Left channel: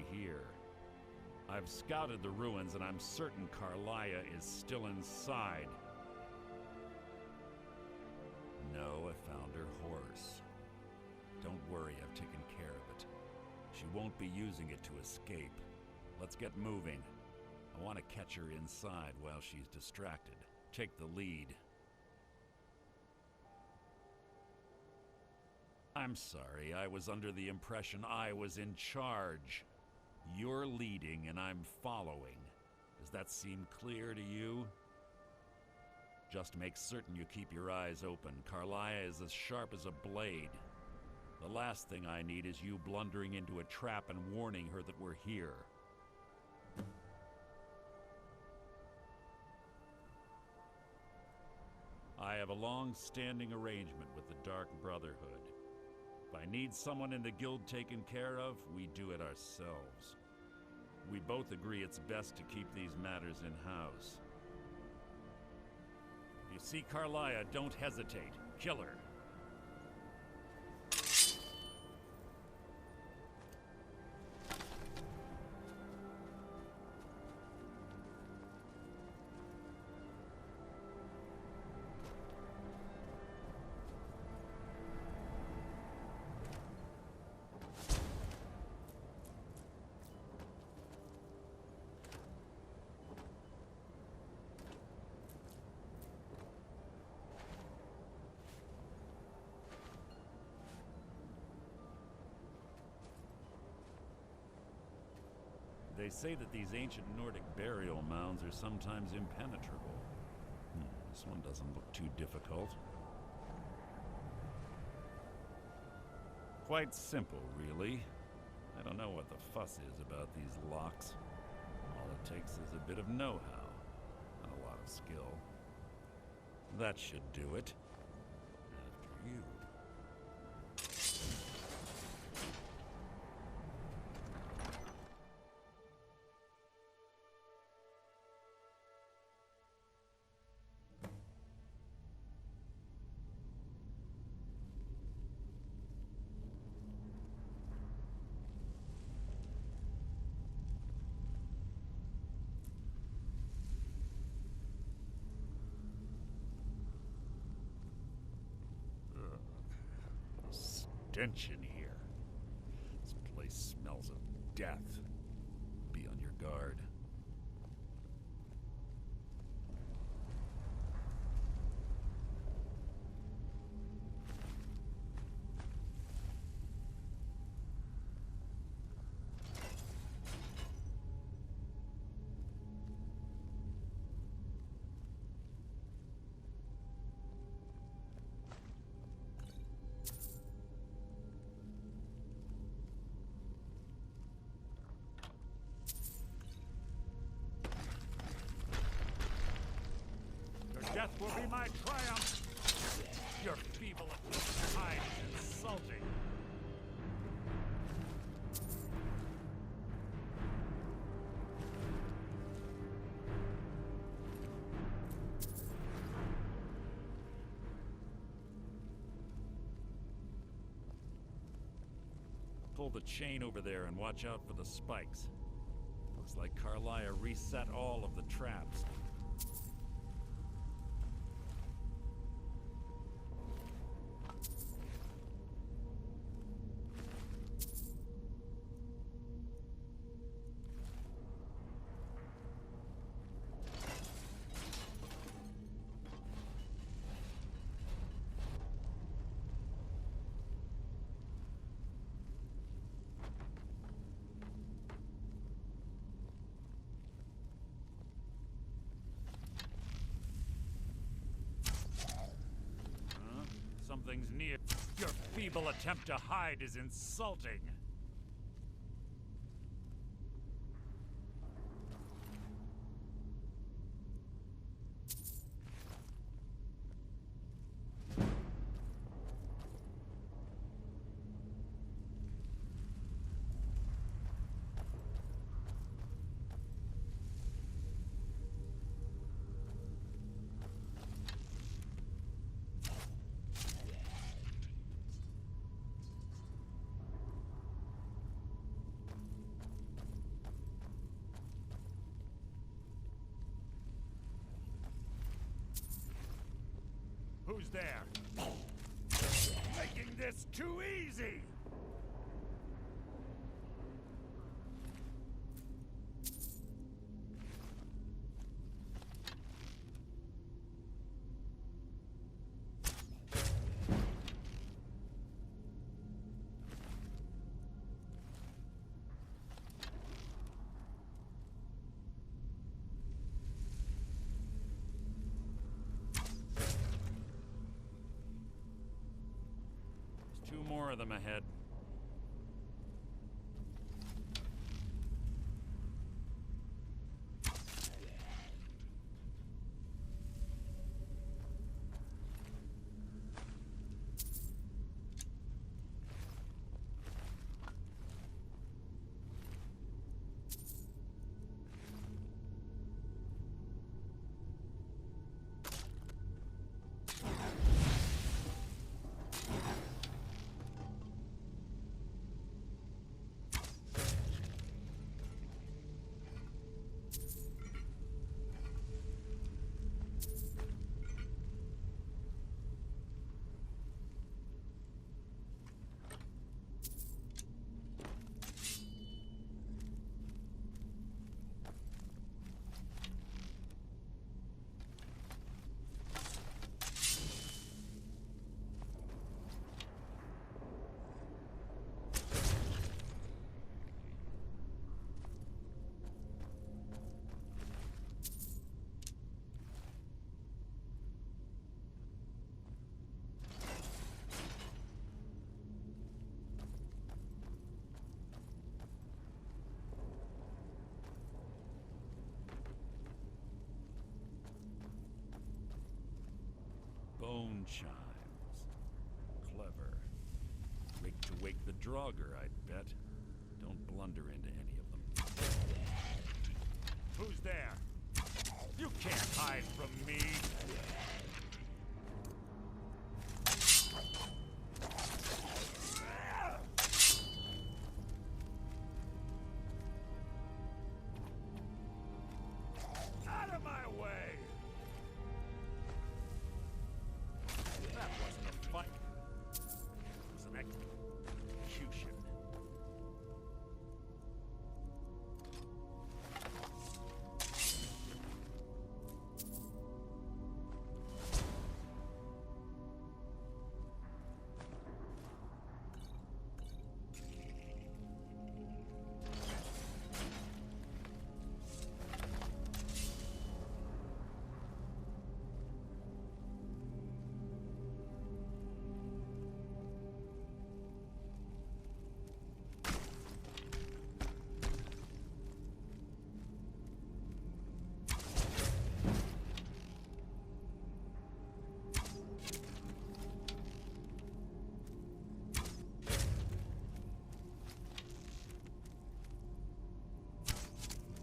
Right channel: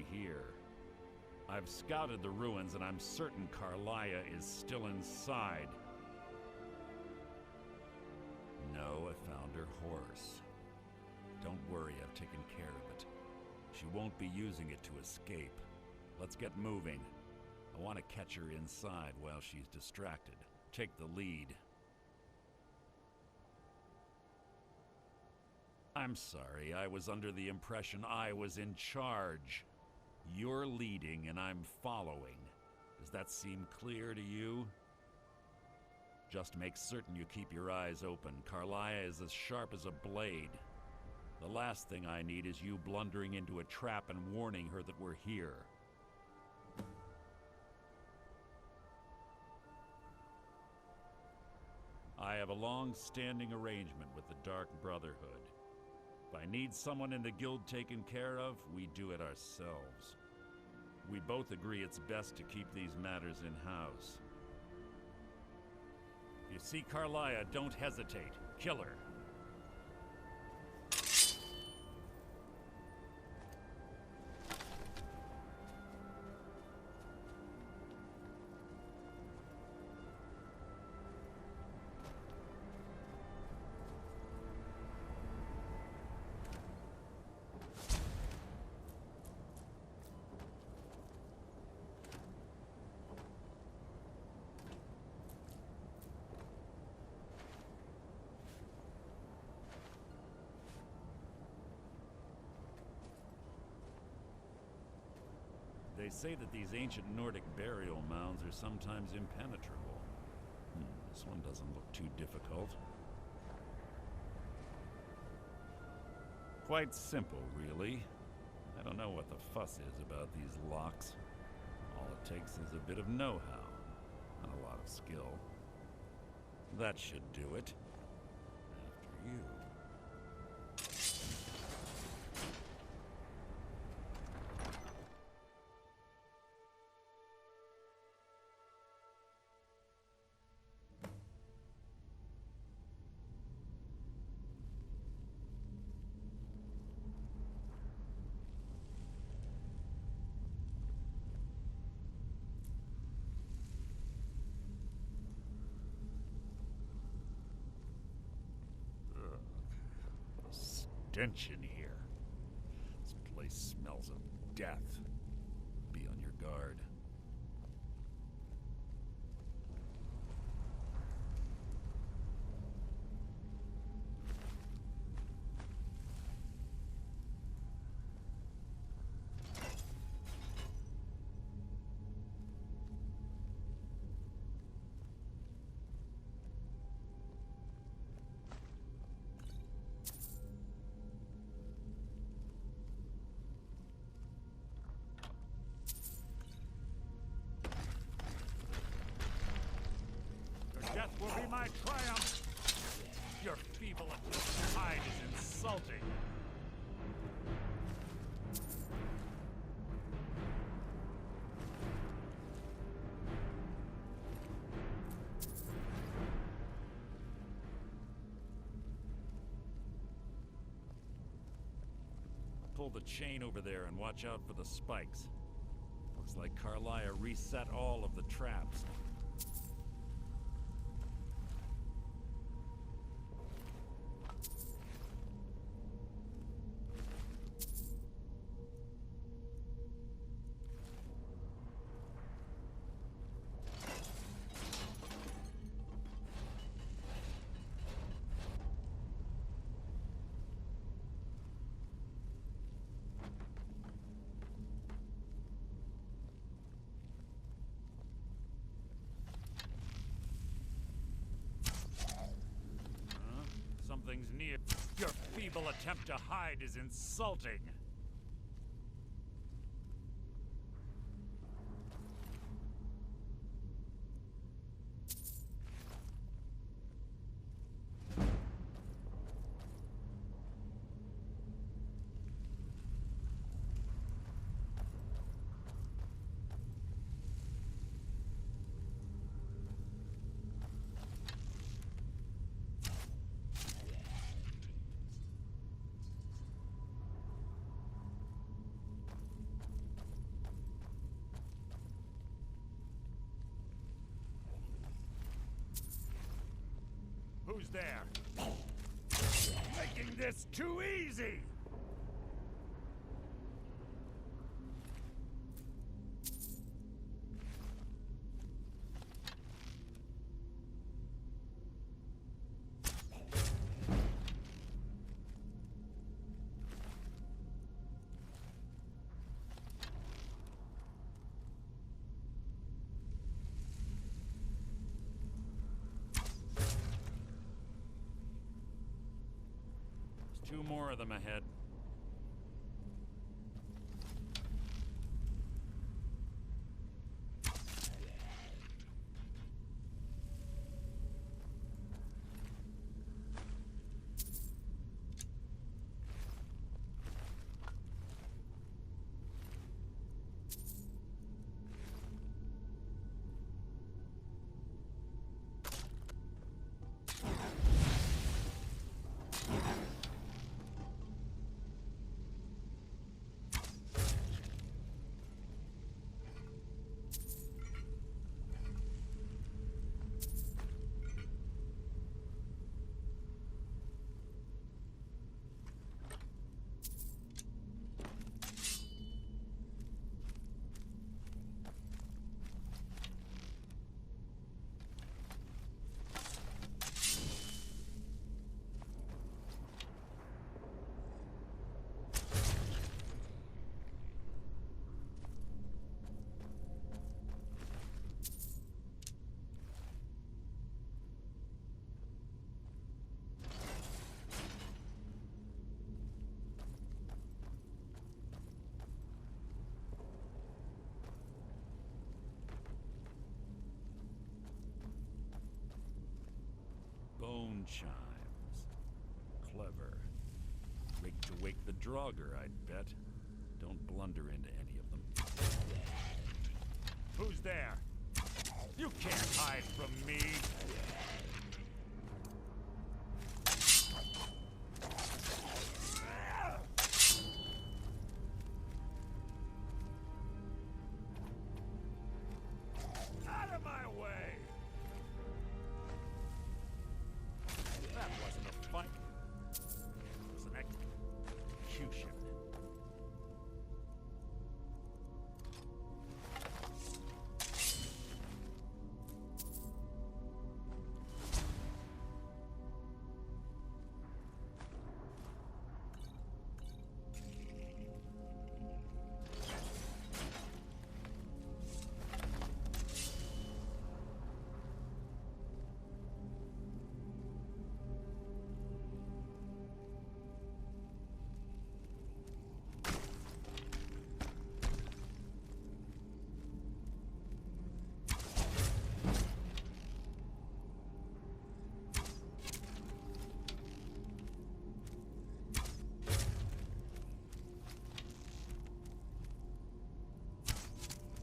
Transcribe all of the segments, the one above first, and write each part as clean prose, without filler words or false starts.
nobody here. I've scouted the ruins and I'm certain Carlia is still inside. No, I found her horse. Don't worry, I've taken care of it. She won't be using it to escape. Let's get moving. I want to catch her inside while she's distracted. Take the lead. I'm sorry, I was under the impression I was in charge. You're leading and I'm following. Does that seem clear to you? Just make certain you keep your eyes open. Carlia is as sharp as a blade. The last thing I need is you blundering into a trap and warning her that we're here. I have a long-standing arrangement with the Dark Brotherhood. If I need someone in the guild taken care of, we do it ourselves. We both agree it's best to keep these matters in-house. If you see Carlia, don't hesitate. Kill her. They say that these ancient Nordic burial mounds are sometimes impenetrable. This one doesn't look too difficult. Quite simple, really. I don't know what the fuss is about these locks. All it takes is a bit of know-how, and a lot of skill. That should do it. After you. Stench in here. This place smells of death. Be on your guard. Death will be my triumph! Your feeble attempt to hide is insulting! Pull the chain over there and watch out for the spikes. Looks like Carlia reset all of the traps. Something's near. Your feeble attempt to hide is insulting. Who's there? Making this too easy! Two more of them ahead. Bone chimes. Clever. Rigged to wake the Draugr, I'd bet. Don't blunder into any of them. Who's there? You can't hide from me! Out of my way! That wasn't a fight. It was an execution.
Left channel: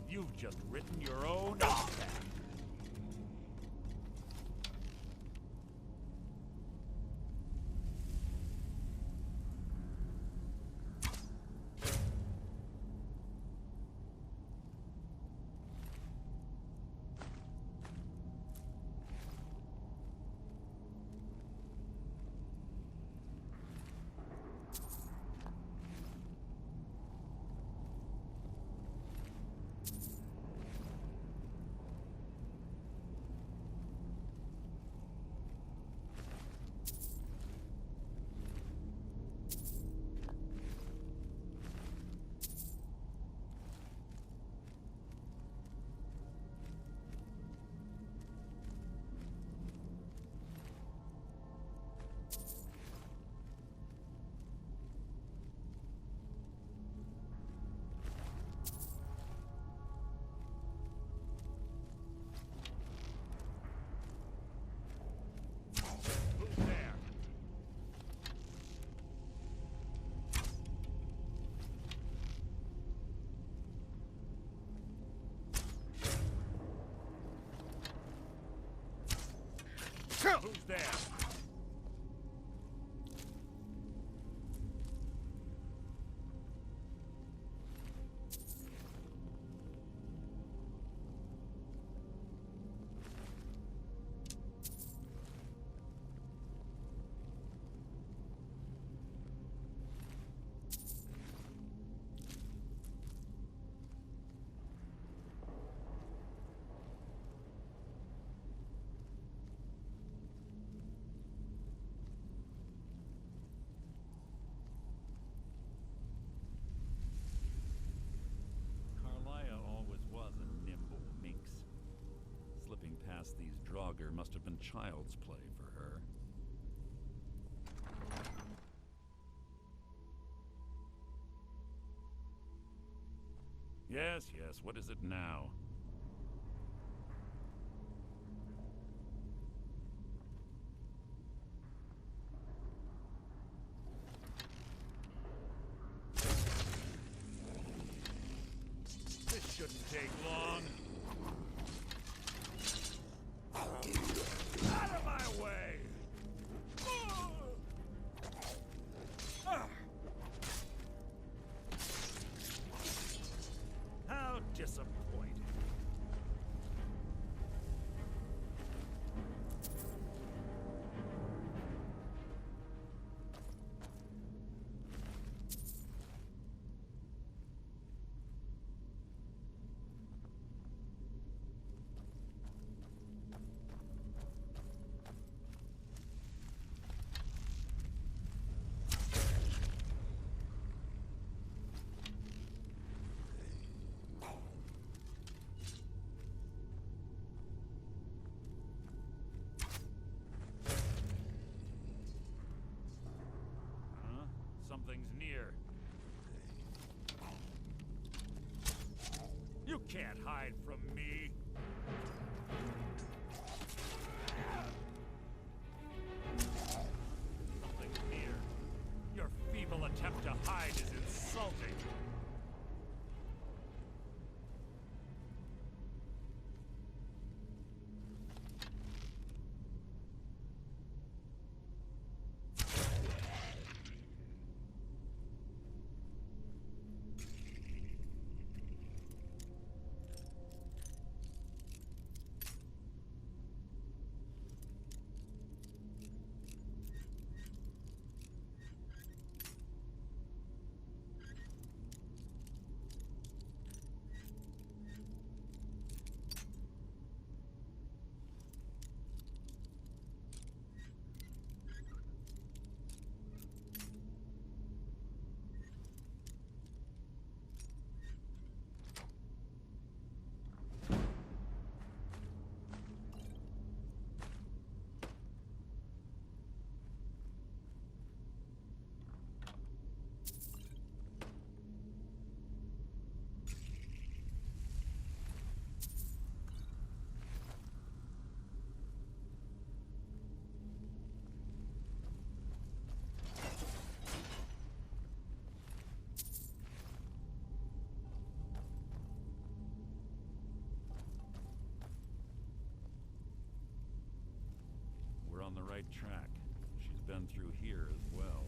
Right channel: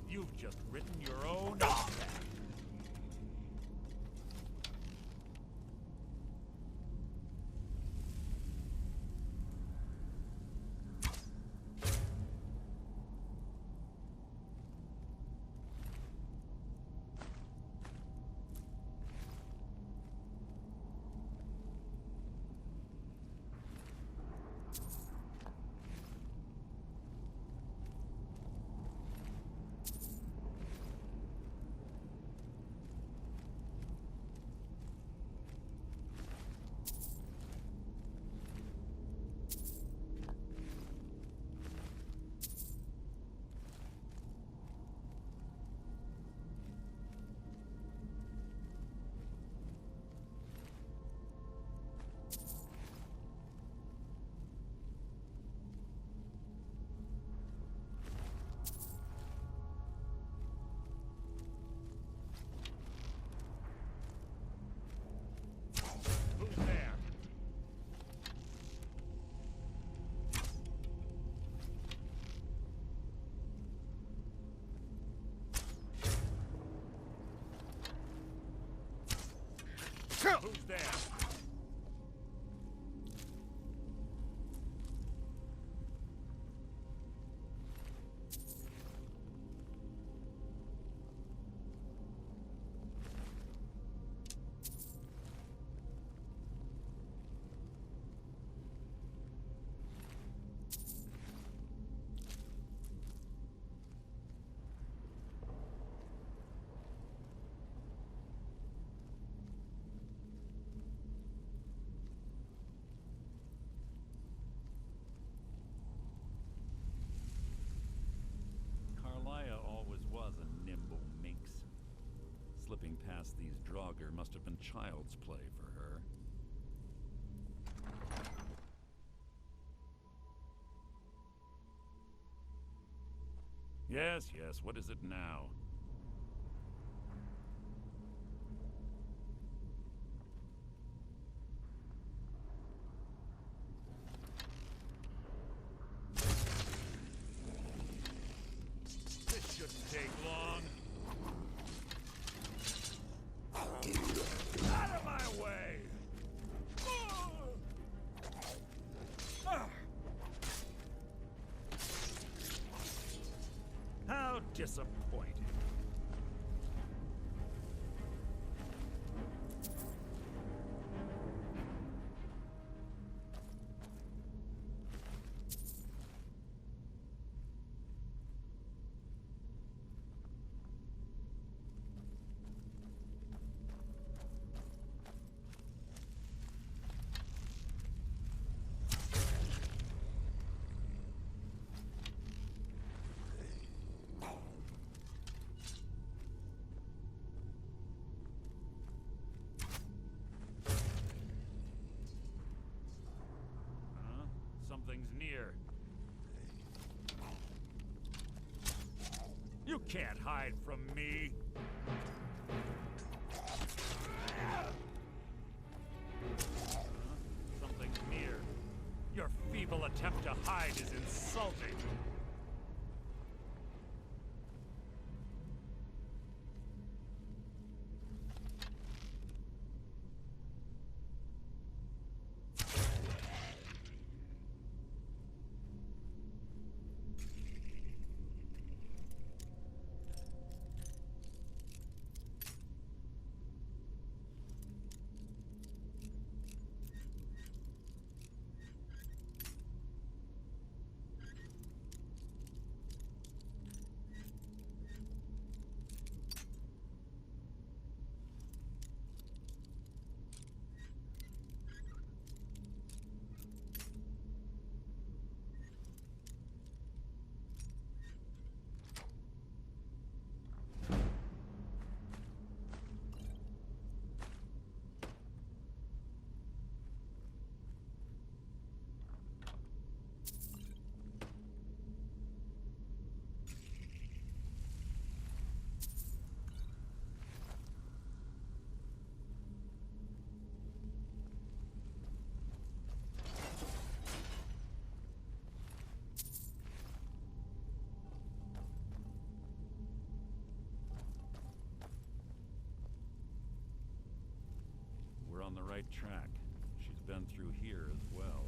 You've just written your own epitaph. Who's there? Who's there? Slipping past these Draugr must have been child's play for her. Yes, yes, what is it now? This shouldn't take long. Out of my way! How disappointing. Something's near. You can't hide from me. Something's near. Your feeble attempt to hide is insulting. We're on the right track. She's been through here as well.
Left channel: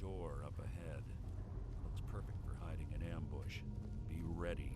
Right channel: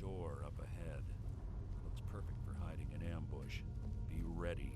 Door up ahead. Looks perfect for hiding an ambush. Be ready.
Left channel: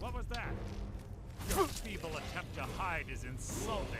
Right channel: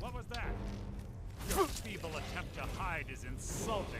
What was that? Your feeble attempt to hide is insulting.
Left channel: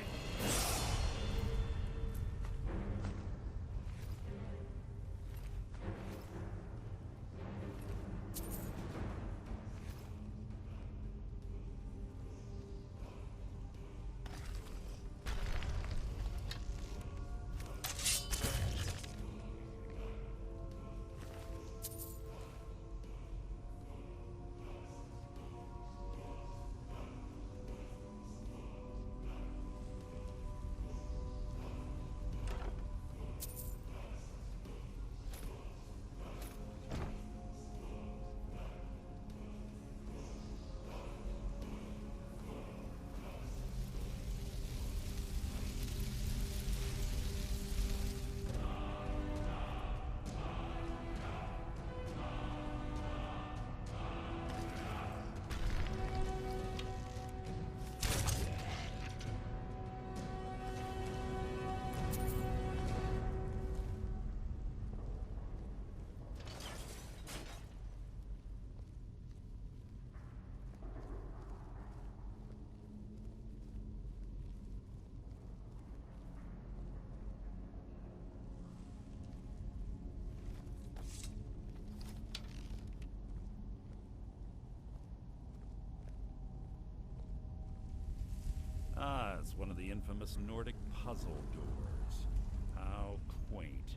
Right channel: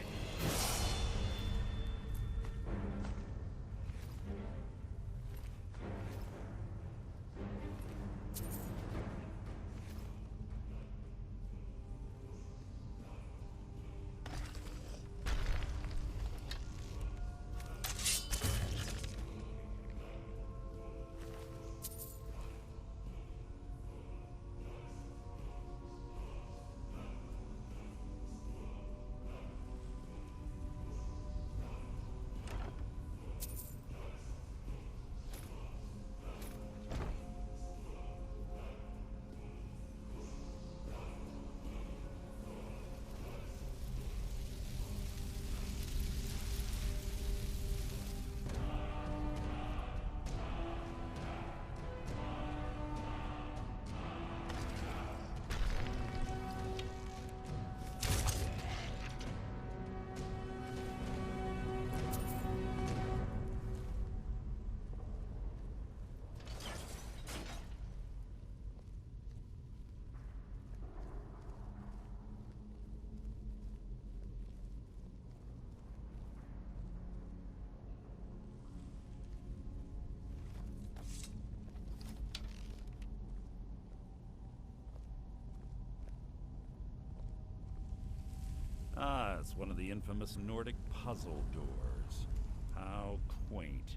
Yes, one of the infamous Nordic puzzle doors. How quaint.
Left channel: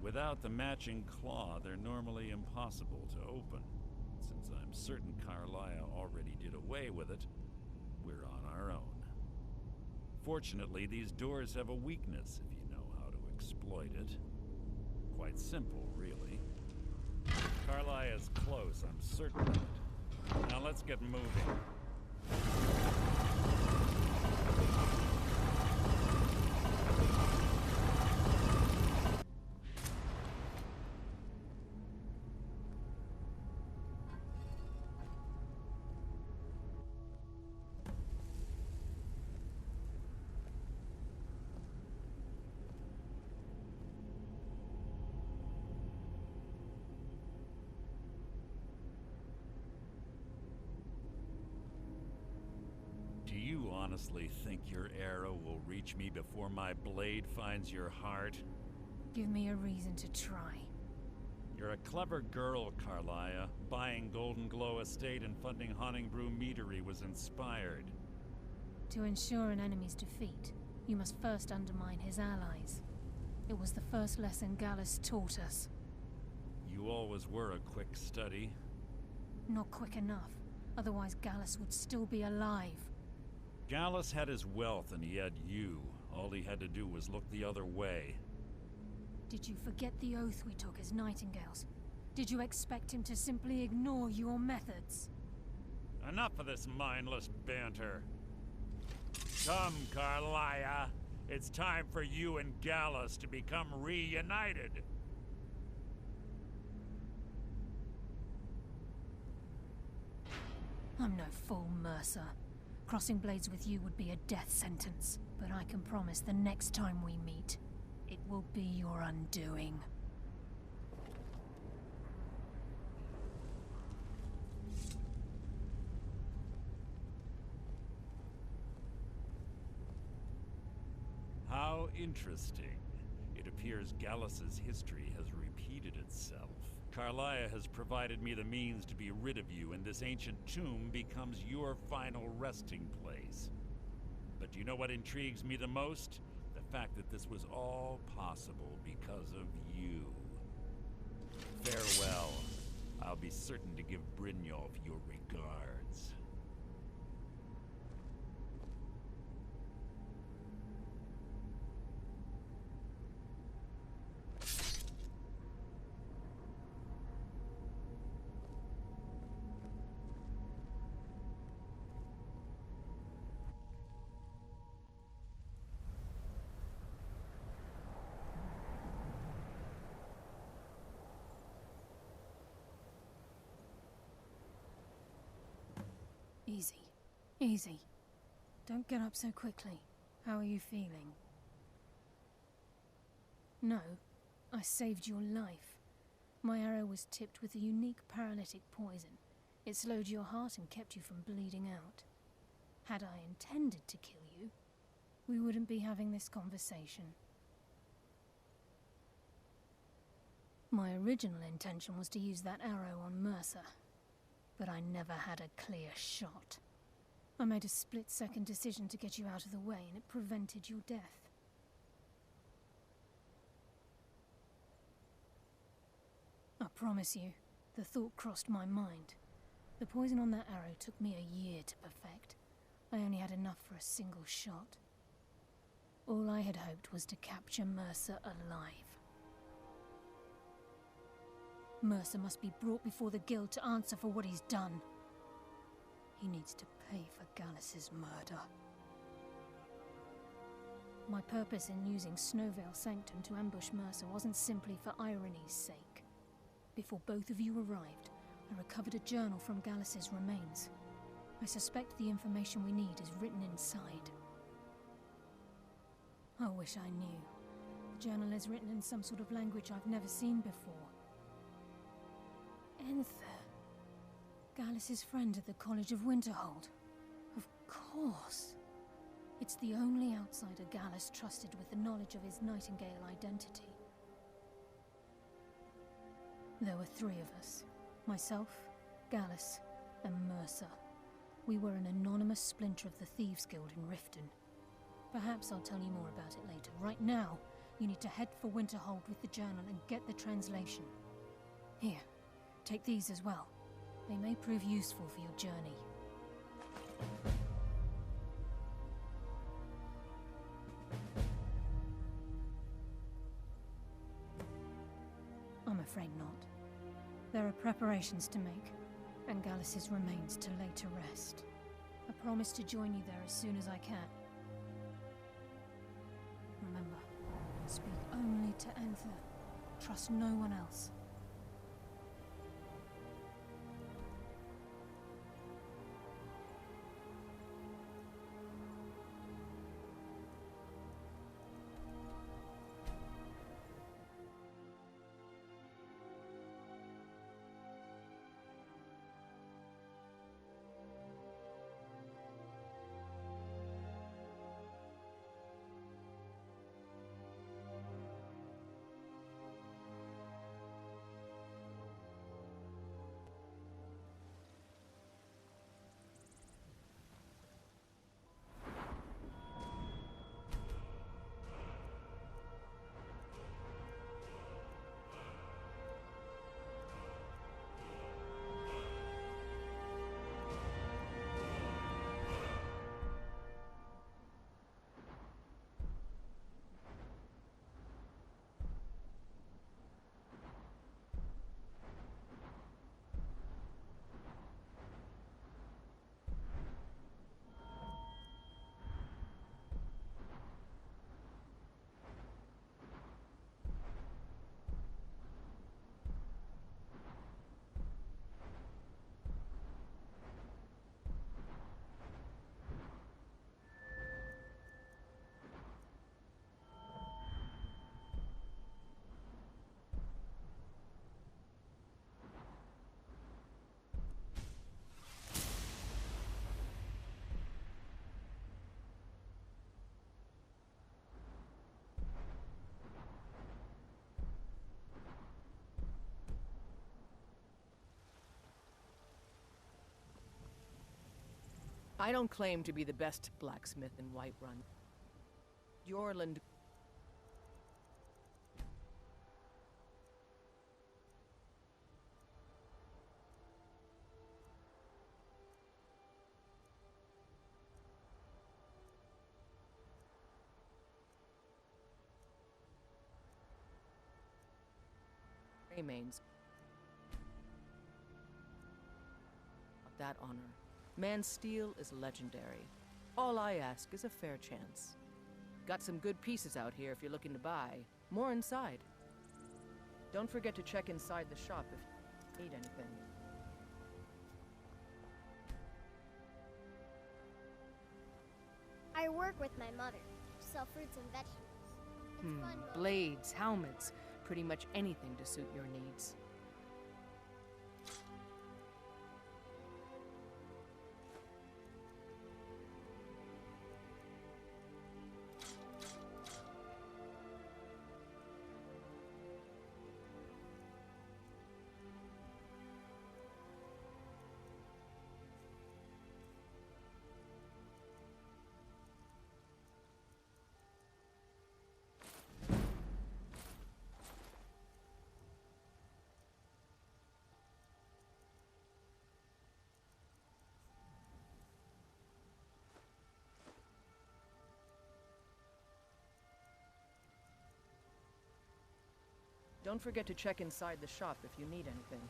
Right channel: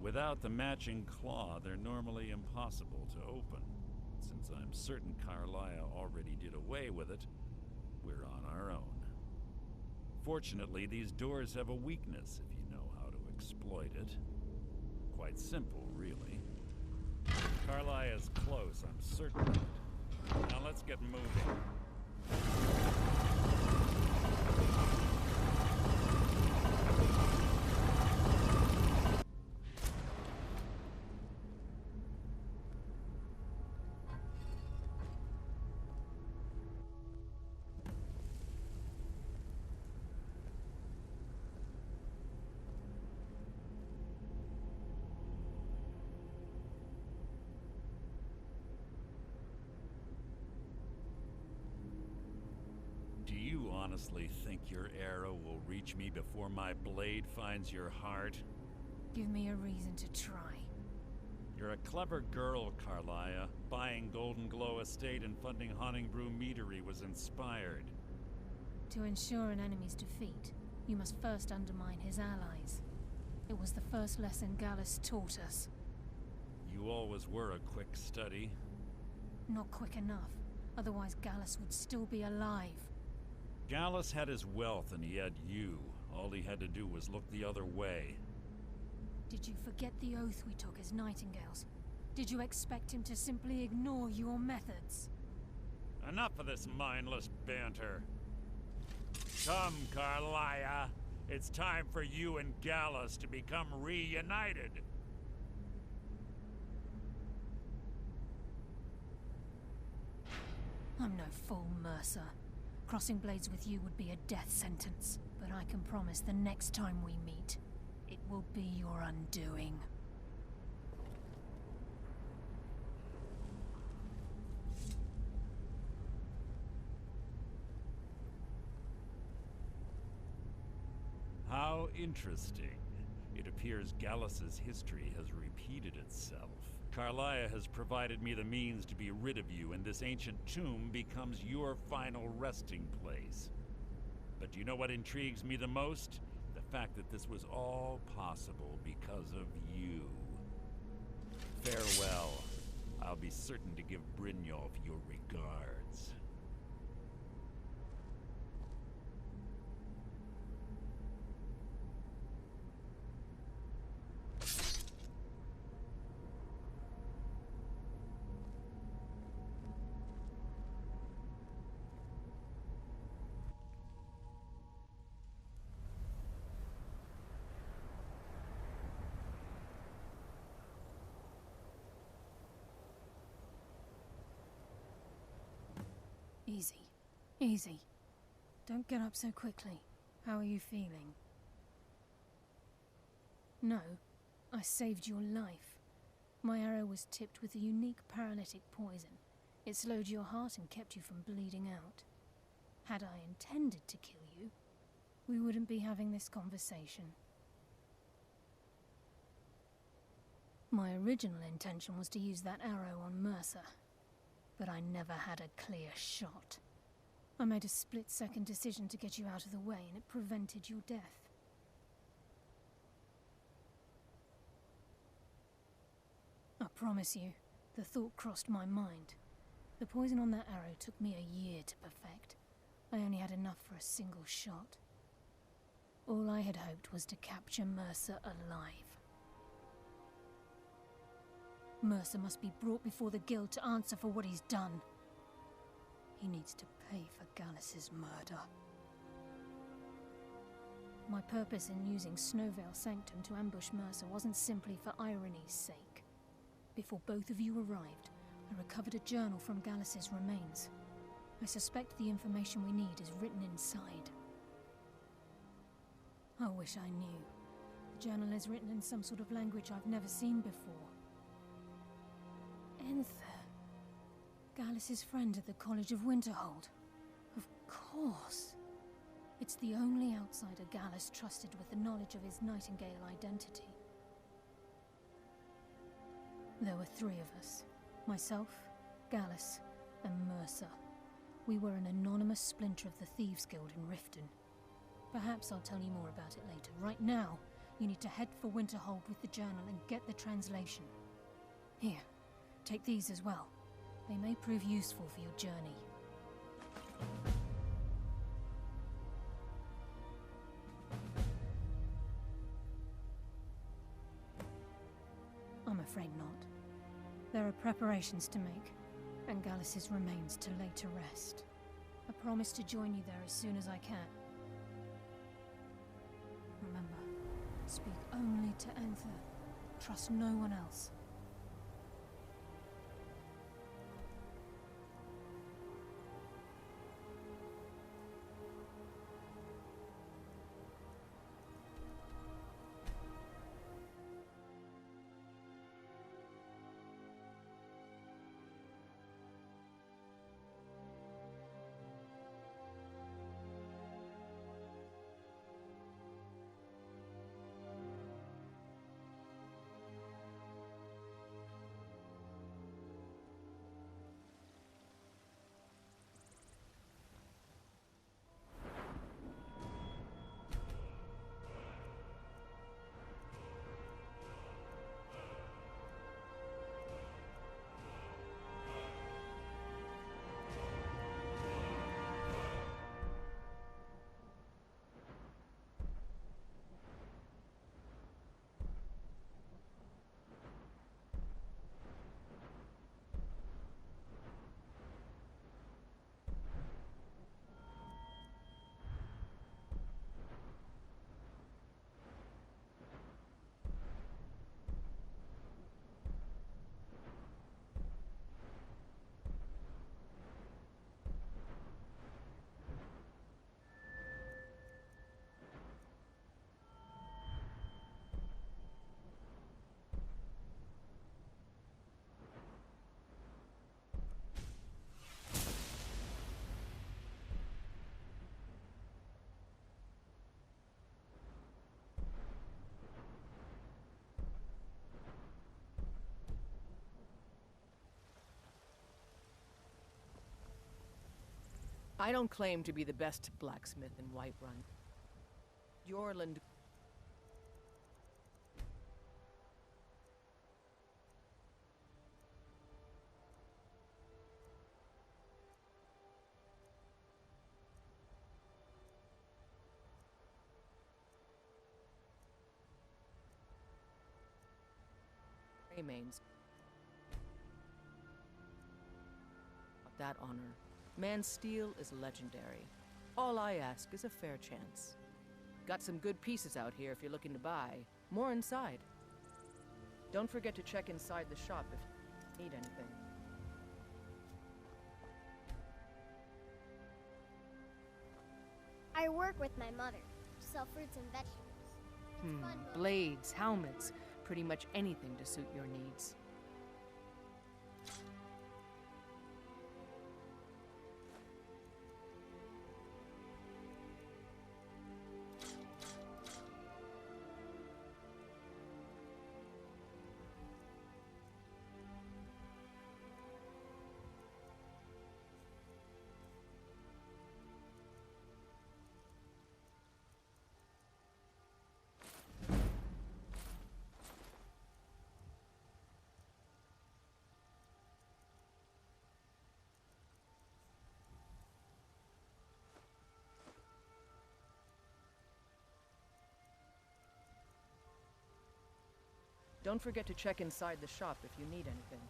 Without the matching claw, they're normally impossible to open. Since I'm certain Carlia already did away with it, we're on our own. Fortunately, these doors have a weakness if you know how to exploit it. Quite simple, really. Carlia is close, I'm certain of it. Now let's get moving. Do you honestly think your arrow will reach me before my blade finds your heart? Give me a reason to try. You're a clever girl, Carlia. Buying Golden Glow Estate and funding Honningbrew Meadery was inspired. To ensure an enemy's defeat, you must first undermine his allies. It was the first lesson Gallus taught us. You always were a quick study. Not quick enough, otherwise Gallus would still be alive. Gallus had his wealth and he had you. All he had to do was look the other way. Did you forget the oath we took as Nightingales? Did you expect him to simply ignore your methods? Enough of this mindless banter. Come, Carlia. It's time for you and Gallus to become reunited. I'm no fool, Mercer. Crossing blades with you would be a death sentence. But I can promise the next time we meet, it will be your undoing. How interesting. It appears Gallus's history has repeated itself. Carlia has provided me the means to be rid of you, and this ancient tomb becomes your final resting place. But do you know what intrigues me the most? The fact that this was all possible because of you. Farewell. I'll be certain to give Brynjolf your regards. Easy. Easy. Don't get up so quickly. How are you feeling? No, I saved your life. My arrow was tipped with a unique paralytic poison. It slowed your heart and kept you from bleeding out. Had I intended to kill you, we wouldn't be having this conversation. My original intention was to use that arrow on Mercer, but I never had a clear shot. I made a split-second decision to get you out of the way, and it prevented your death. I promise you, the thought crossed my mind. The poison on that arrow took me a year to perfect. I only had enough for a single shot. All I had hoped was to capture Mercer alive. Mercer must be brought before the Guild to answer for what he's done. He needs to pay for Gallus's murder. My purpose in using Snowvale Sanctum to ambush Mercer wasn't simply for irony's sake. Before both of you arrived, I recovered a journal from Gallus's remains. I suspect the information we need is written inside. I wish I knew. The journal is written in some sort of language I've never seen before. Enther. Gallus's friend at the College of Winterhold. Of course. It's the only outsider Gallus trusted with the knowledge of his Nightingale identity. There were three of us. Myself, Gallus, and Mercer. We were an anonymous splinter of the Thieves' Guild in Riften. Perhaps I'll tell you more about it later. Right now, you need to head for Winterhold with the journal and get the translation. Here, take these as well. They may prove useful for your journey. I'm afraid not. There are preparations to make, and Gallus's remains to lay to rest. I promise to join you there as soon as I can. Remember, speak only to Anther. Trust no one else. I don't claim to be the best blacksmith in Whiterun. Jorland... remains. That honor. Man's steel is legendary. All I ask is a fair chance. Got some good pieces out here if you're looking to buy. More inside. Don't forget to check inside the shop if you need anything. I work with my mother. Sell fruits and vegetables. It's fun, but Blades, helmets, pretty much anything to suit your needs. Don't forget to check inside the shop if you need anything.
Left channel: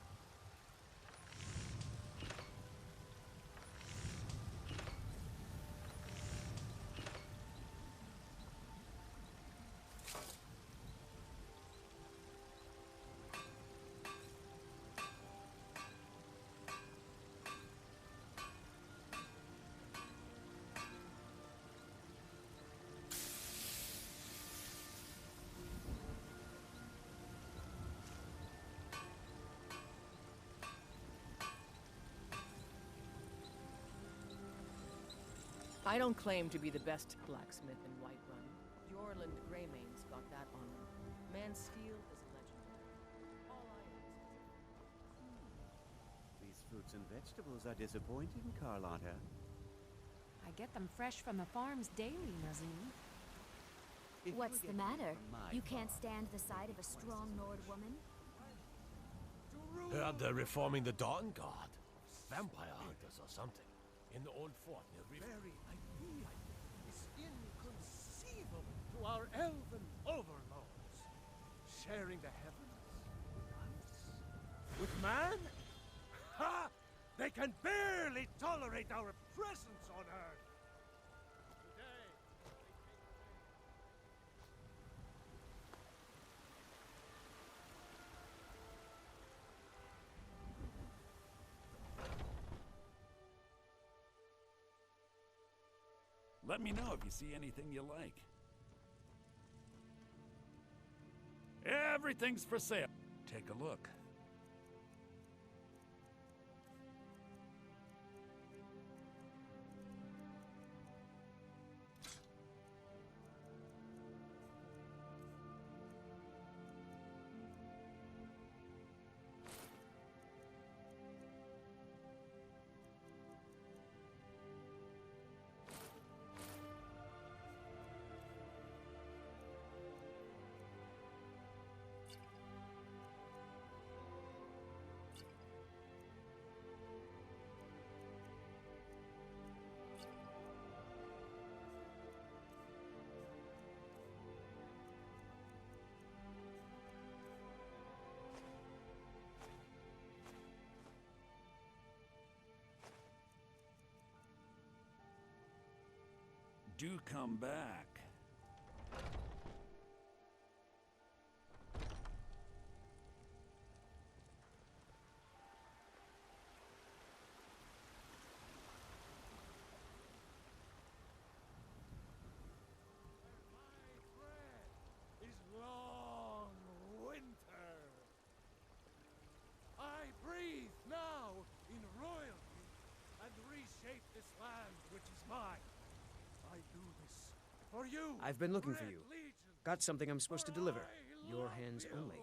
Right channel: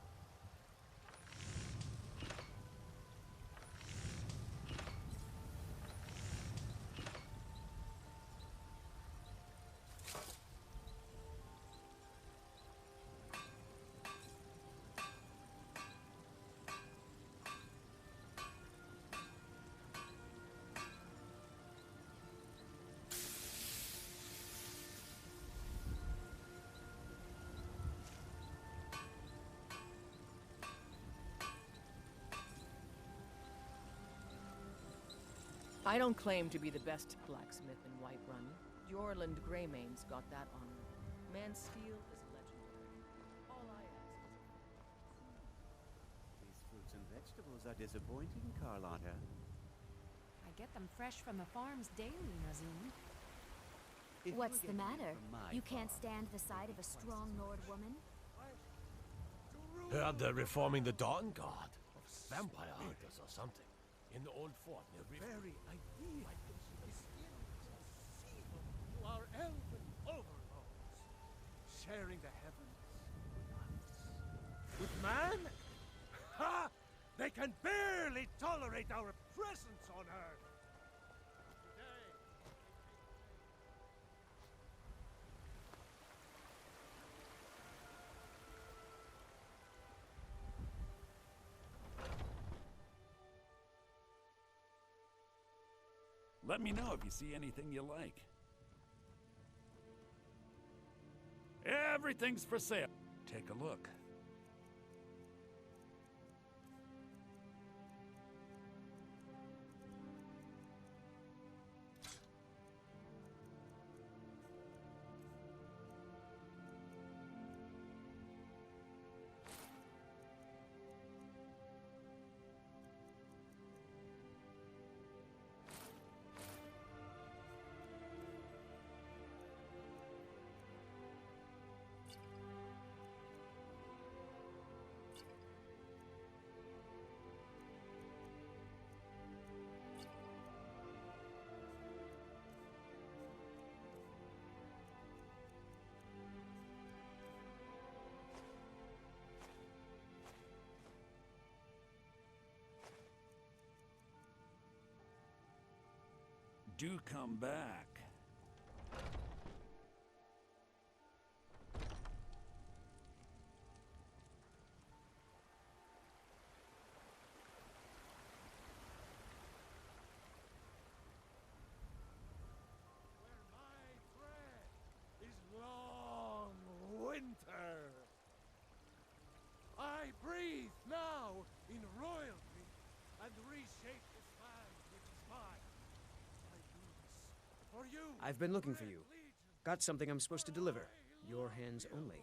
I don't claim to be the best blacksmith in Whiterun. Jorland Greymane's got that honor. Man's steel is legendary. All I ask is... These fruits and vegetables are disappointing, Carlotta. I get them fresh from the farms daily, Nazim. What's the matter? You can't stand the sight of a strong Nord woman? Heard they're reforming the Dawn Guard. Vampire hunters or something. In the old fort near River. Very idea is inconceivable to our elven overlords. Sharing the heavens with us. With man? Ha! They can barely tolerate our presence on Earth. Today, Let me know if you see anything you like. Everything's for sale. Take a look. Do come back. where my bread is long winter. I breathe now in royalty and reshape this land which is mine. I do this for you. I've been looking for Red you. Legion, Got something I'm supposed to deliver. I Your love hands you. only.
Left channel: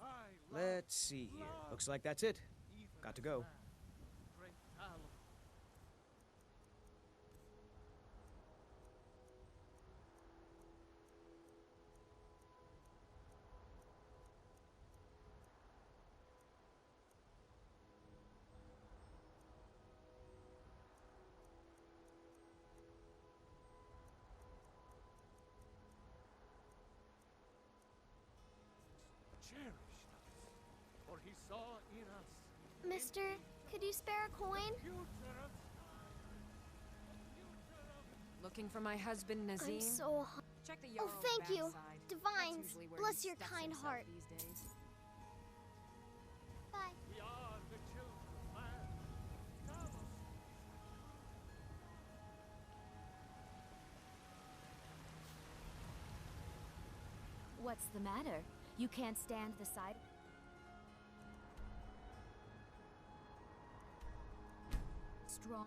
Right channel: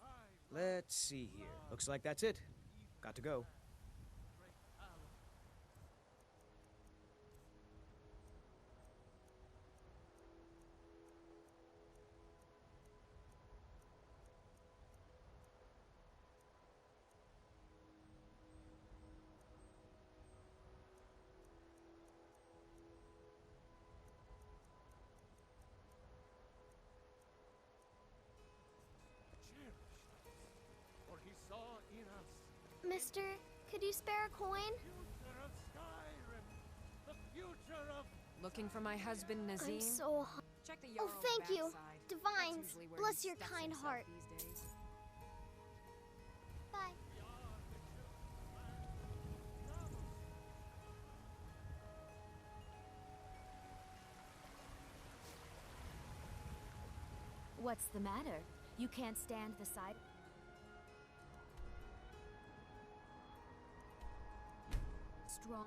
I love Let's see here. Looks like that's it. even Got to this go. land. Great talent. Cherished us, for he saw in us Mister, could you spare a coin? future of Skyrim, the future of Looking for my husband, Nazim? I'm so Check the Oh, Yarrow thank you. backside. Divines, That's usually where bless he your stuffs kind himself heart. these days. Bye. we are the children of man. Talos What's the matter? You can't stand the sight? Strong.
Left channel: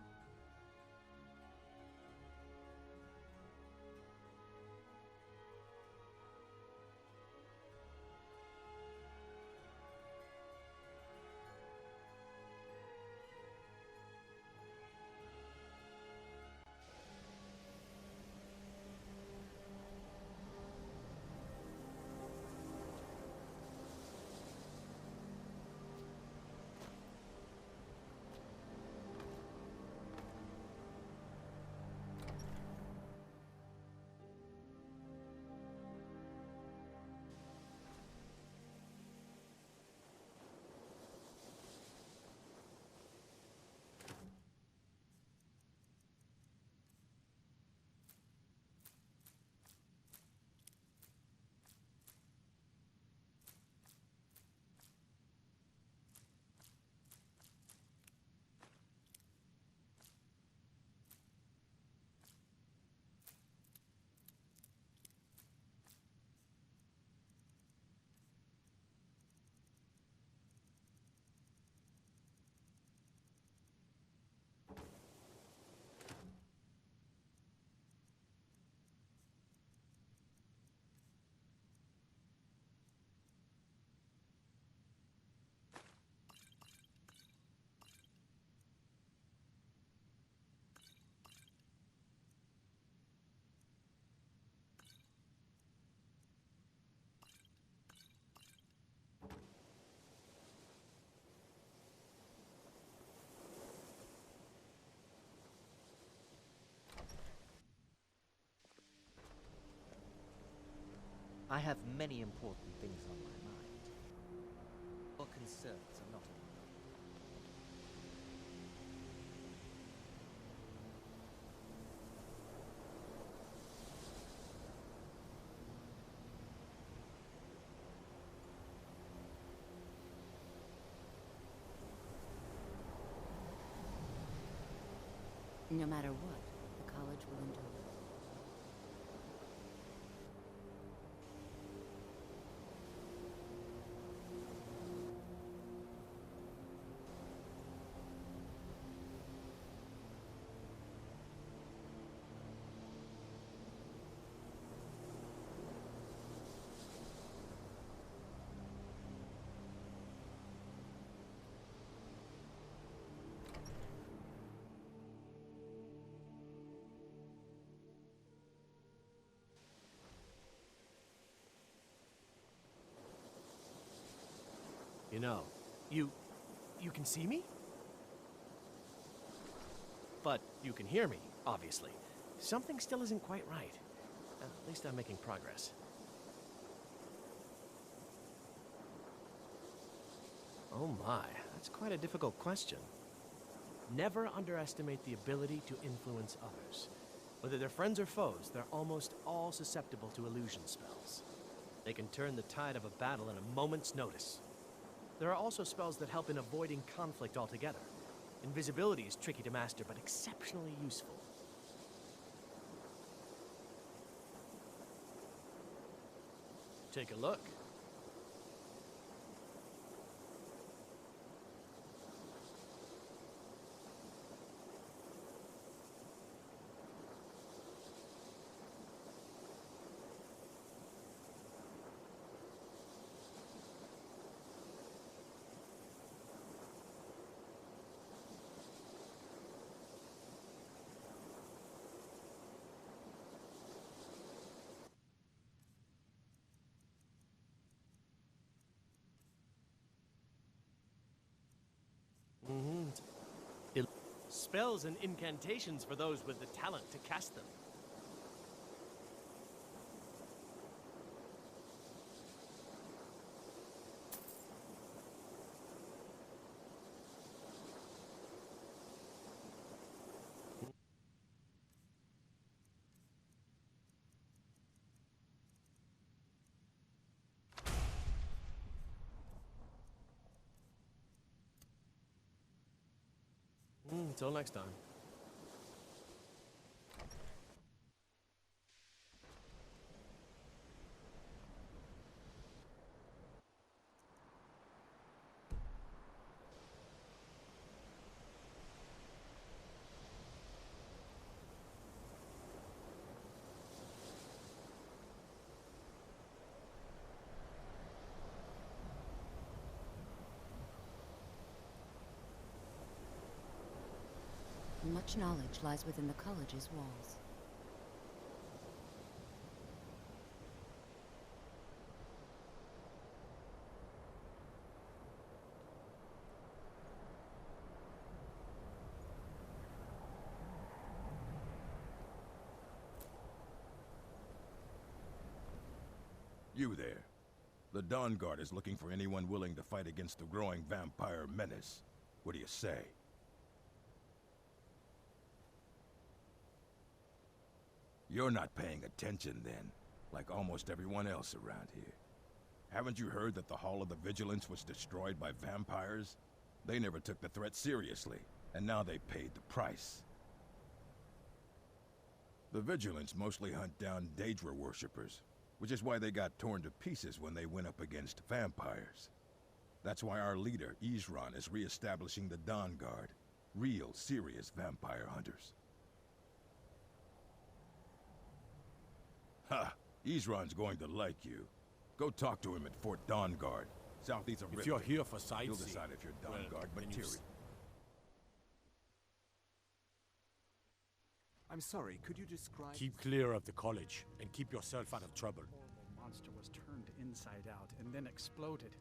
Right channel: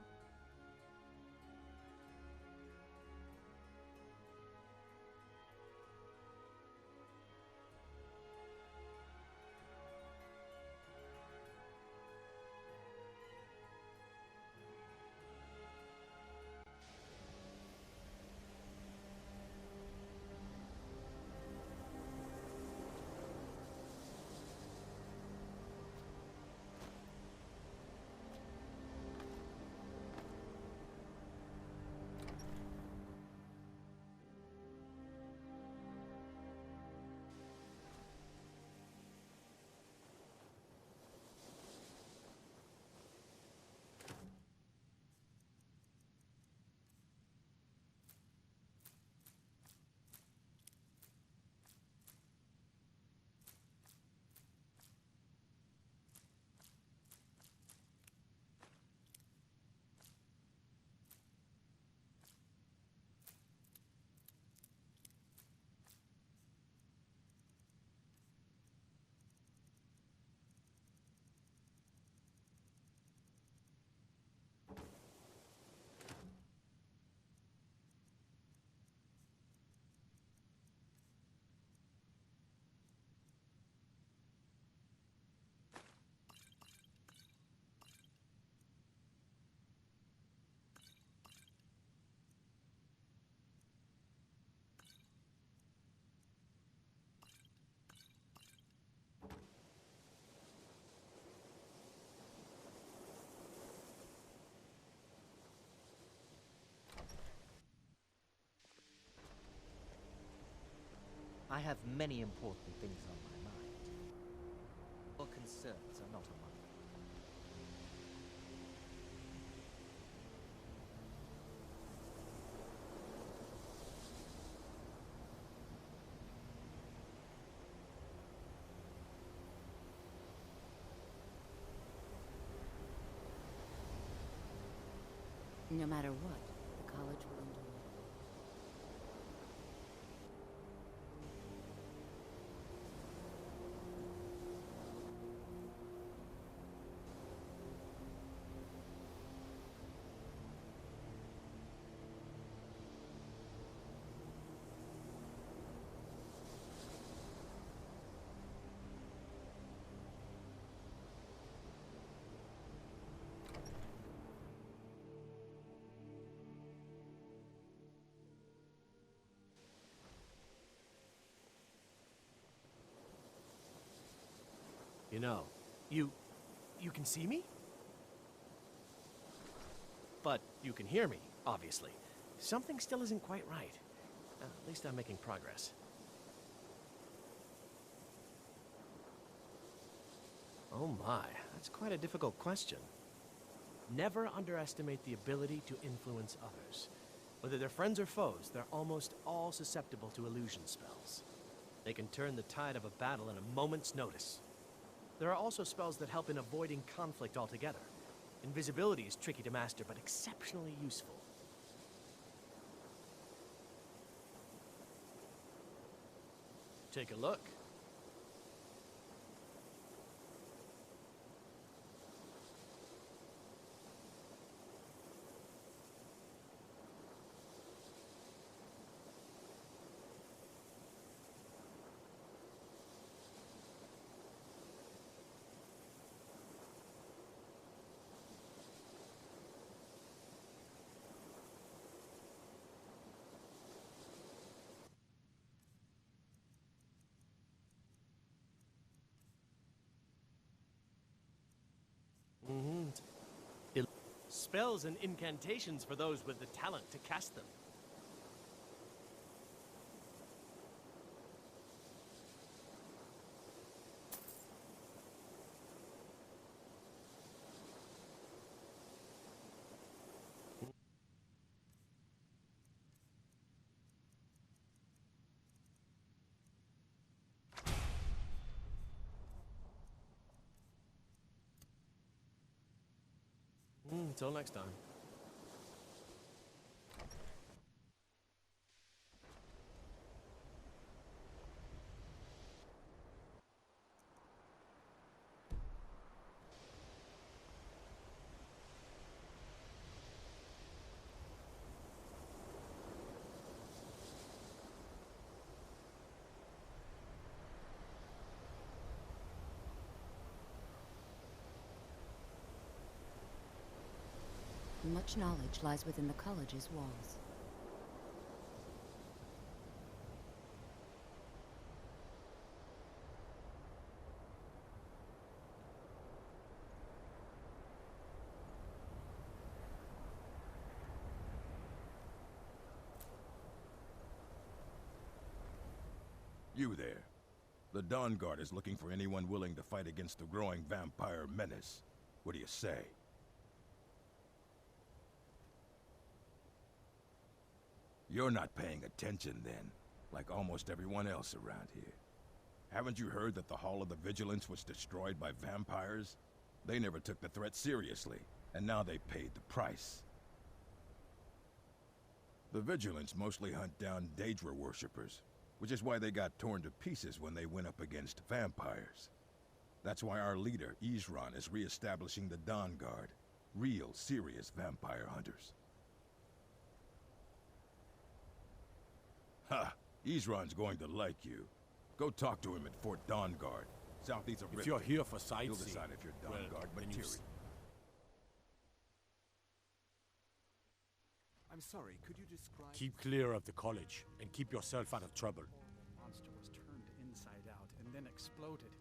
I have many important things on my mind. Your concerns are not among them. No matter what, the college will endure. You know, you can see me? But you can hear me, obviously. Something still isn't quite right. At least I'm making progress. Oh my, that's quite a difficult question. Never underestimate the ability to influence others. Whether they're friends or foes, they're almost all susceptible to illusion spells. They can turn the tide of a battle in a moment's notice. There are also spells that help in avoiding conflict altogether. Invisibility is tricky to master, but exceptionally useful. Take a look. Spells and incantations for those with the talent to cast them. Until next time. Much knowledge lies within the college's walls. You there. The Dawn Guard is looking for anyone willing to fight against the growing vampire menace. What do you say? You're not paying attention then, like almost everyone else around here. Haven't you heard that the Hall of the Vigilance was destroyed by vampires? They never took the threat seriously, and now they paid the price. The Vigilance mostly hunt down Daedra worshippers, which is why they got torn to pieces when they went up against vampires. That's why our leader, Isran, is re-establishing the Dawn Guard. Real, serious vampire hunters. Ha! Isran's going to like you. Go talk to him at Fort Dawn Guard, southeast of Riften. If you're here for sightseeing, you'll decide if you're Dawn Guard material. I'm sorry, could you describe... Keep clear of the college, and keep yourself out of trouble. The monster was turned inside out and then exploded.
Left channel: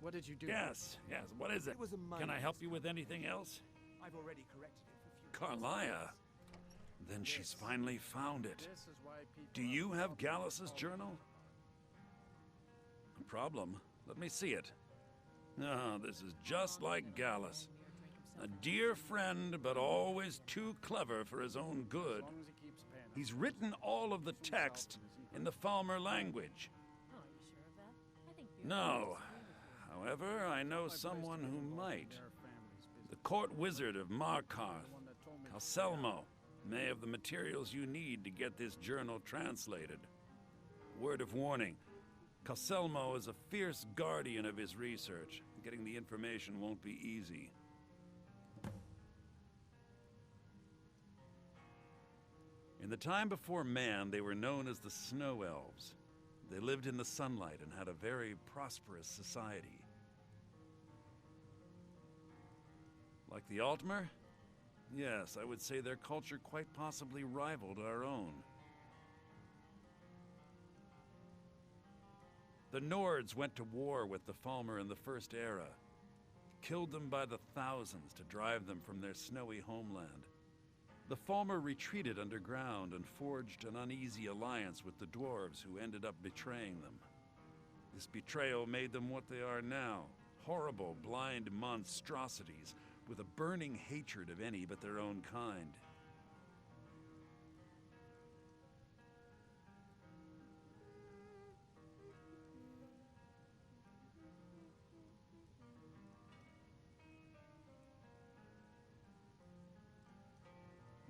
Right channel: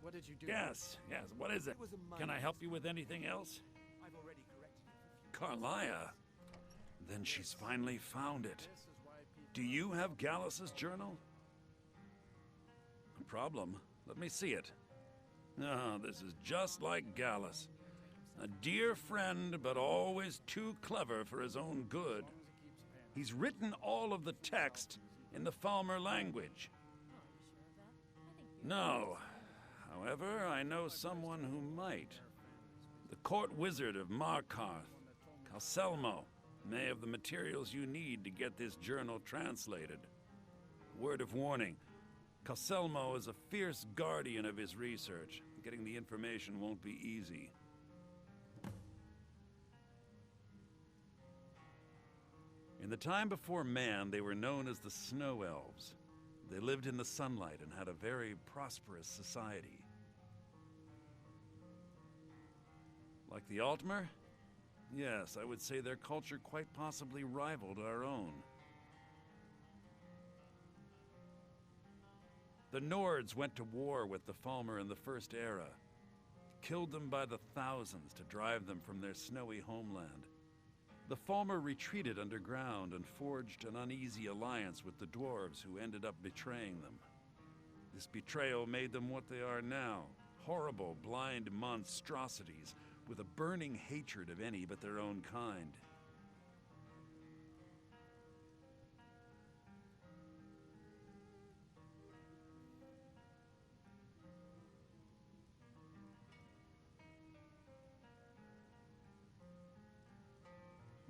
What did you do? Yes, what is it? Can I help you with anything else? I've already corrected it for Carlia. Then she's finally found it. Do you have Gallus's journal? problem. Let me see it. Ah, this is just like Gallus. A dear friend, but always too clever for his own good. He's written all of the text in the Falmer language. No. However, I know someone who might. The court wizard of Markarth, Calselmo, may have the materials you need to get this journal translated. Word of warning, Calselmo is a fierce guardian of his research. Getting the information won't be easy. In the time before man, they were known as the Snow Elves. They lived in the sunlight and had a very prosperous society. Like the Altmer? Yes, I would say their culture quite possibly rivaled our own. The Nords went to war with the Falmer in the First Era, killed them by the thousands to drive them from their snowy homeland. The Falmer retreated underground and forged an uneasy alliance with the dwarves who ended up betraying them. This betrayal made them what they are now, horrible, blind monstrosities with a burning hatred of any but their own kind.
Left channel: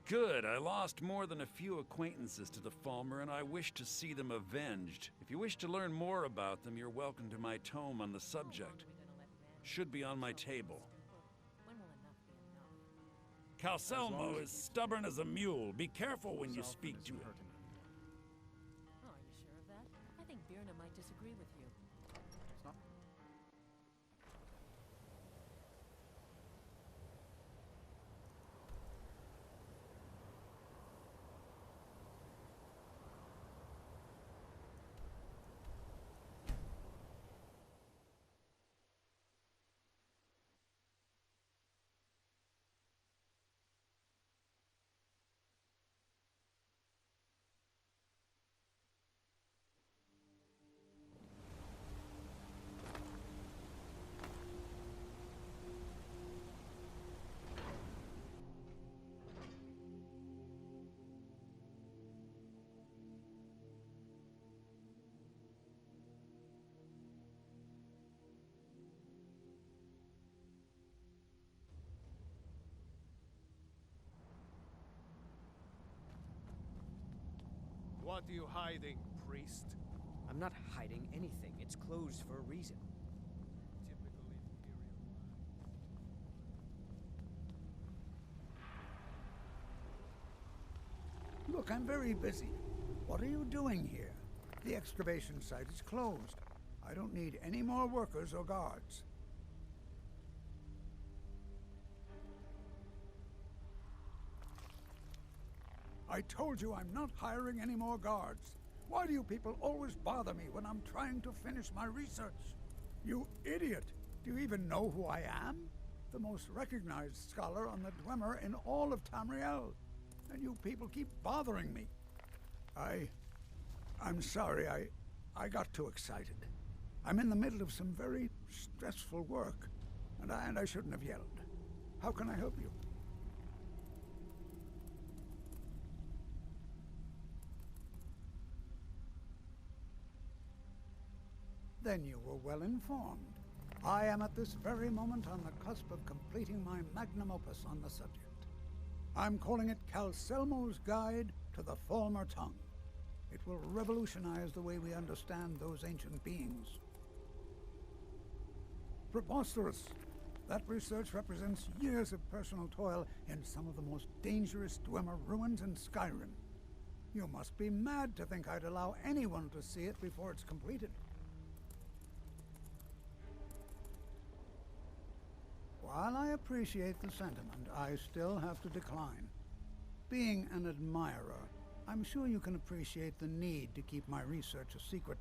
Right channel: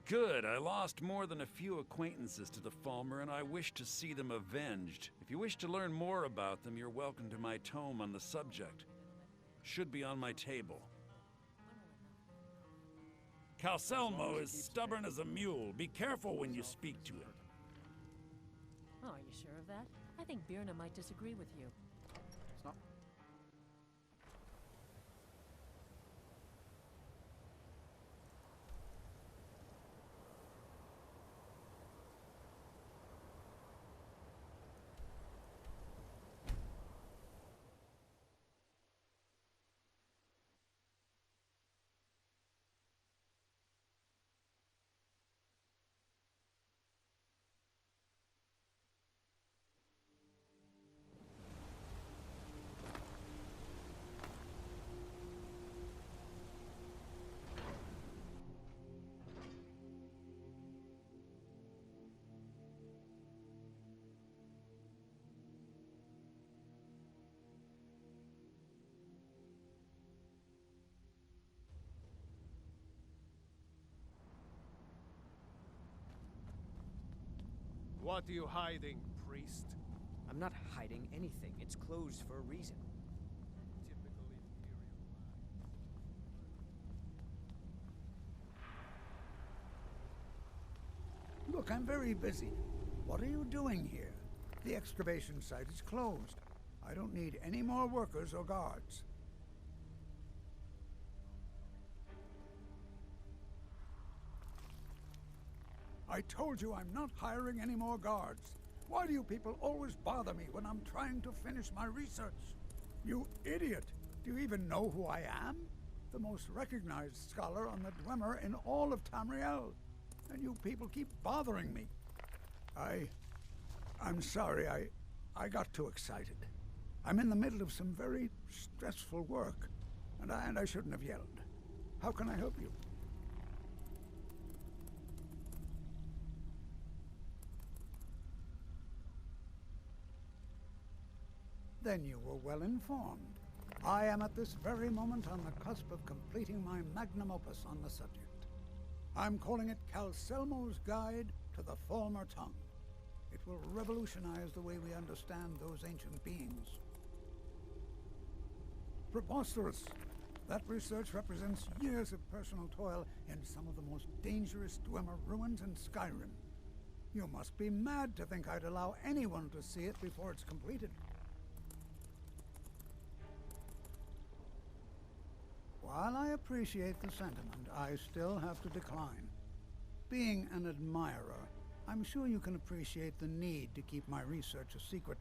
Good. I lost more than a few acquaintances to the Falmer, and I wish to see them avenged. If you wish to learn more about them, you're welcome to my tome on the subject. Should be on my table. Calselmo is stubborn as a mule. Be careful when you speak to him. Oh, are you sure of that? I think Birna might disagree with you. What are you hiding, priest? I'm not hiding anything. It's closed for a reason. Typical Imperial lie. Look, I'm very busy. What are you doing here? The excavation site is closed. I don't need any more workers or guards. I told you I'm not hiring any more guards. Why do you people always bother me when I'm trying to finish my research? You idiot! Do you even know who I am? The most recognized scholar on the Dwemer in all of Tamriel. And you people keep bothering me. I'm sorry, I got too excited. I'm in the middle of some very stressful work, and I shouldn't have yelled. How can I help you? Then you were well informed. I am at this very moment on the cusp of completing my magnum opus on the subject. I'm calling it Calselmo's Guide to the Falmer Tongue. It will revolutionize the way we understand those ancient beings. Preposterous! That research represents years of personal toil in some of the most dangerous Dwemer ruins in Skyrim. You must be mad to think I'd allow anyone to see it before it's completed. While I appreciate the sentiment, I still have to decline. Being an admirer, I'm sure you can appreciate the need to keep my research a secret.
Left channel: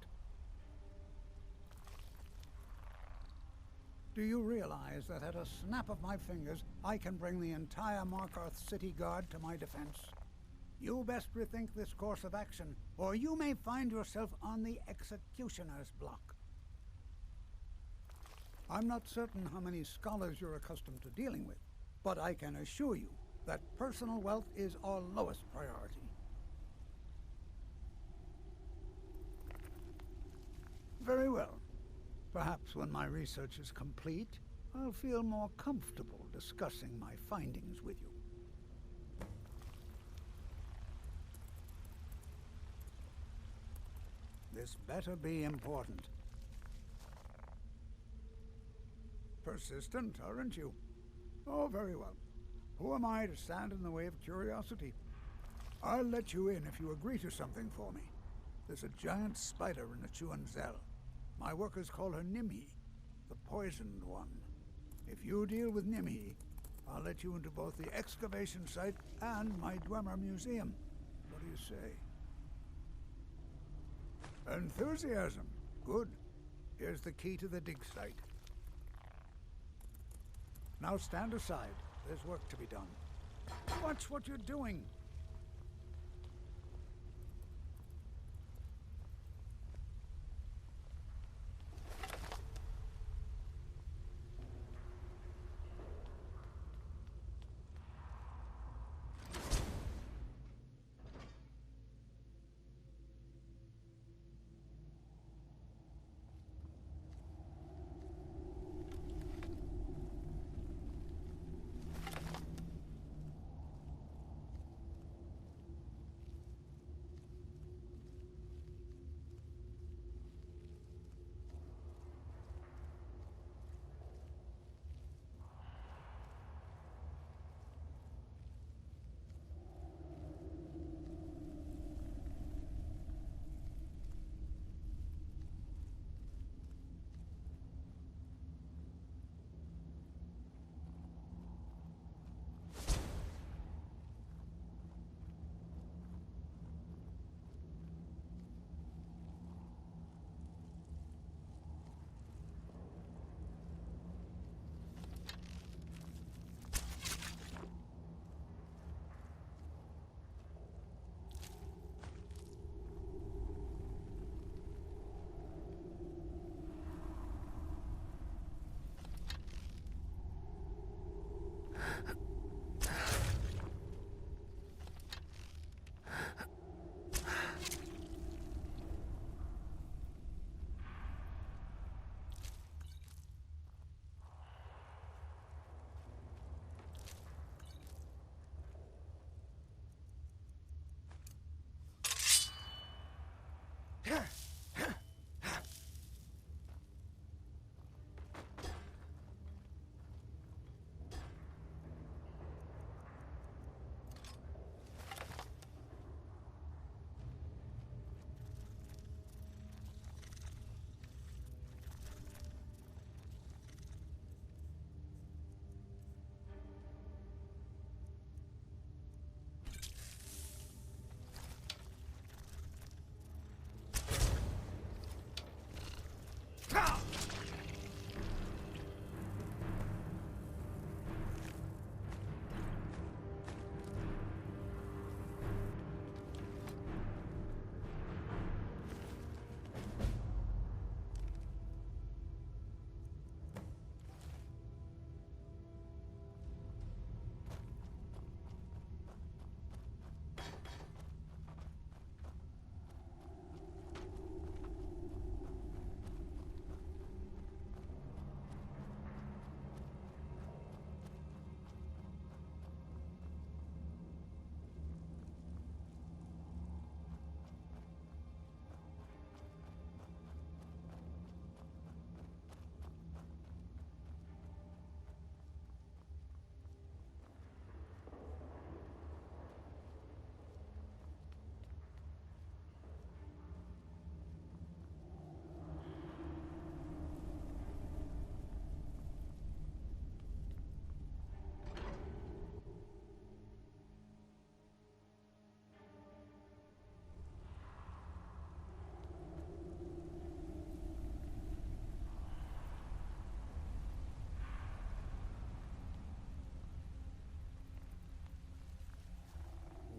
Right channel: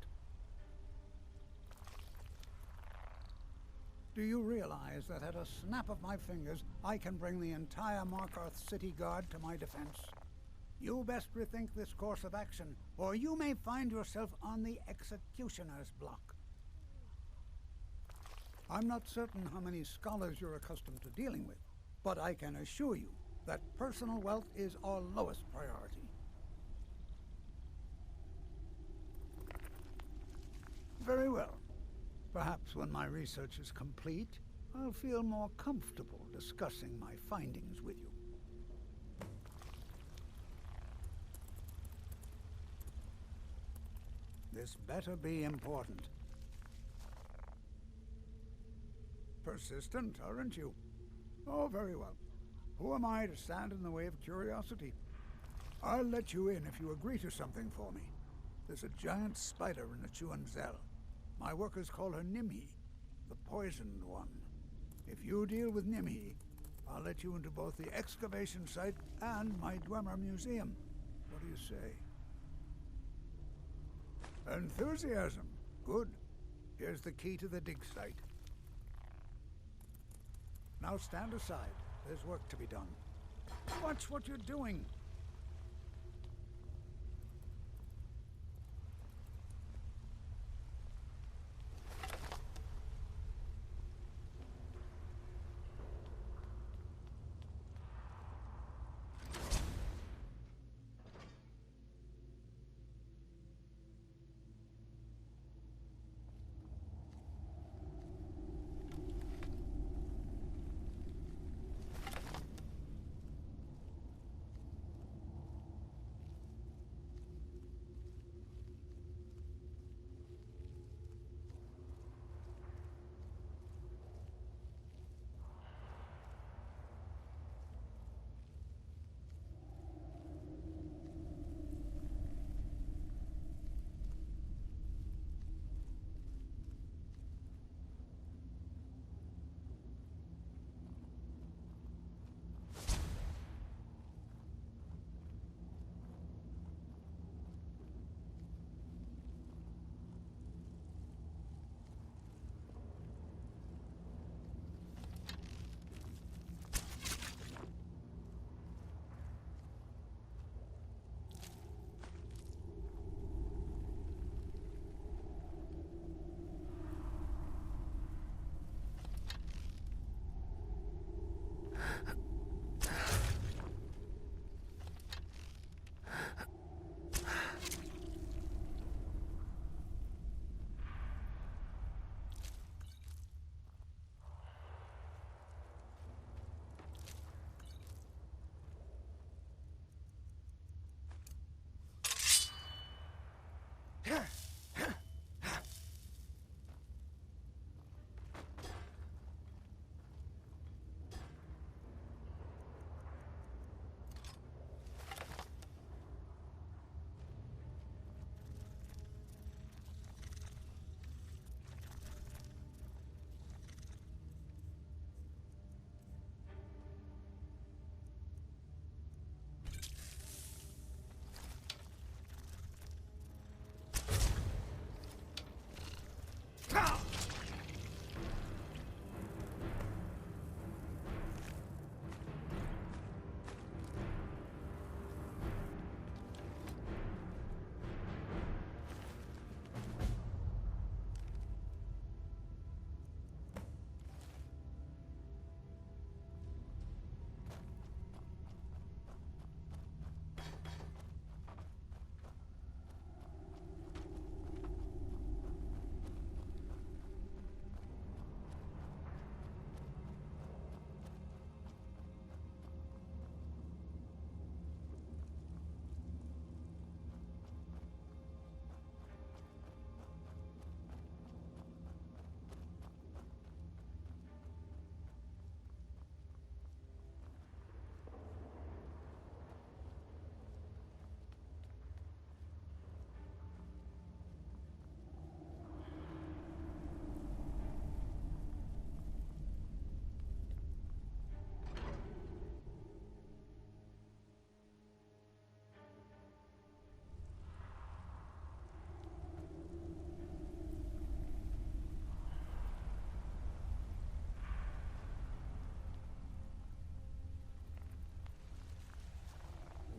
Do you realize that at a snap of my fingers, I can bring the entire Markarth City Guard to my defense? You best rethink this course of action, or you may find yourself on the executioner's block. I'm not certain how many scholars you're accustomed to dealing with, but I can assure you that personal wealth is our lowest priority. Very well. Perhaps when my research is complete, I'll feel more comfortable discussing my findings with you. This better be important. Persistent, aren't you? Oh, very well. Who am I to stand in the way of curiosity? I'll let you in if you agree to something for me. There's a giant spider in the Chuanzel. My workers call her Nimhi, the poisoned one. If you deal with Nimhi, I'll let you into both the excavation site and my Dwemer museum. What do you say? Enthusiasm. Good. Here's the key to the dig site. Now stand aside. There's work to be done. Watch what you're doing.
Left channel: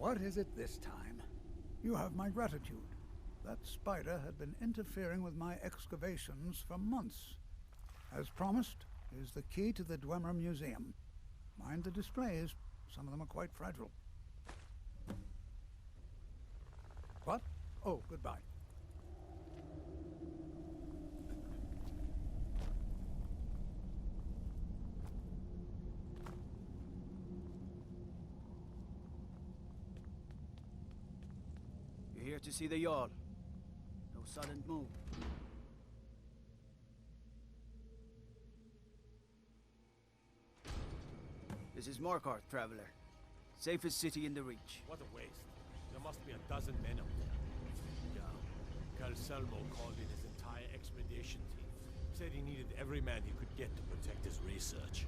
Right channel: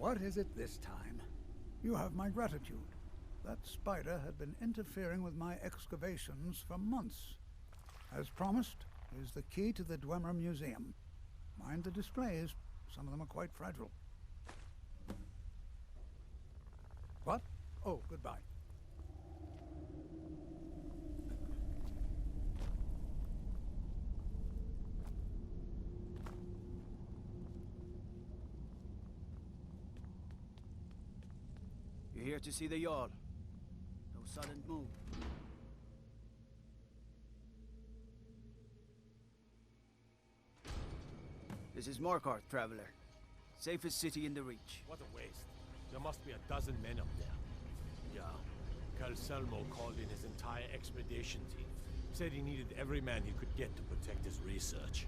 What is it this time? You have my gratitude. That spider had been interfering with my excavations for months. As promised, here's the key to the Dwemer Museum. Mind the displays. Some of them are quite fragile. What? Oh, goodbye. You're here to see the Jarl. No sudden move. This is Markarth, traveler. Safest city in the Reach. What a waste. There must be a dozen men up there. Yeah. Calselmo called in his entire expedition team. Said he needed every man he could get to protect his research.